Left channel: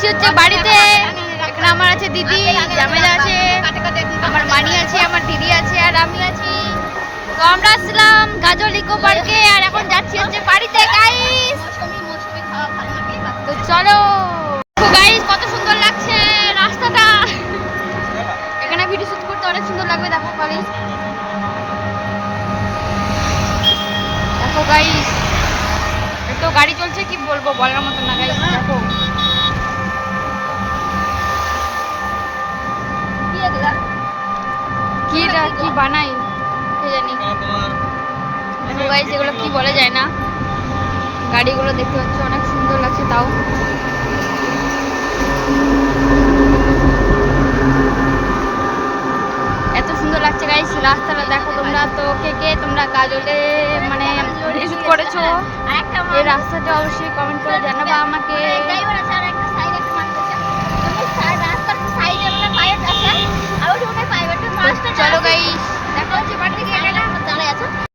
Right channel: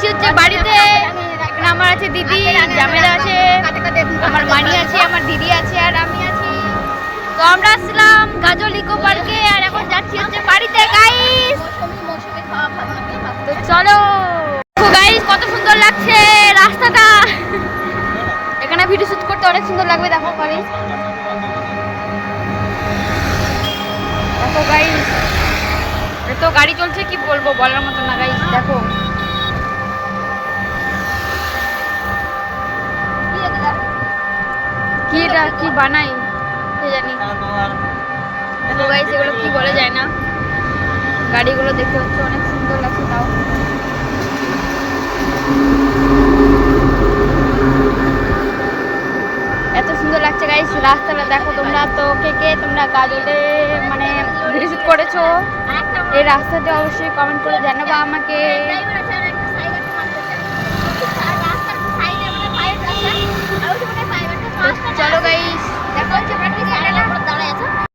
যাচ্ছি হচ্ছে বাড়িতে। এখানে আমার আছে দিদি, জামেলা আছে, আমার মানি আছে, আমার দিদি আছে আর আমি আছি। তো আমরা আসলাম গাজল ইকো পার্কে আর এখন যাচ্ছি হচ্ছে বাড়িতে গাইস। তো চলো গাইস, কত সুন্দর লাগছে রাস্তাটা। এখানে ভিডিও শুট করতে অনেক সুন্দর লাগবে। দেখো গাইস, দেখো গাইস, এত গাড়ি চলছে কি বলবো, বলার মতো না গাইস। দেখো কি এটা কি বানাই কে জানি। দেখো গাইস, এগুলো কি বলে যায় না। গাড়িগুলো দেখতে হচ্ছে অনেক সুন্দর লাগছে। তাও এত সুন্দর লাগছে গাইস রাস্তাটা। দেখো তোমরা তো কে কে তোমরা গাজলে মানে ভিডিও শুট করেছো, এই রাস্তাটা অবশ্যই কমেন্ট করে জানাবা আমাকে।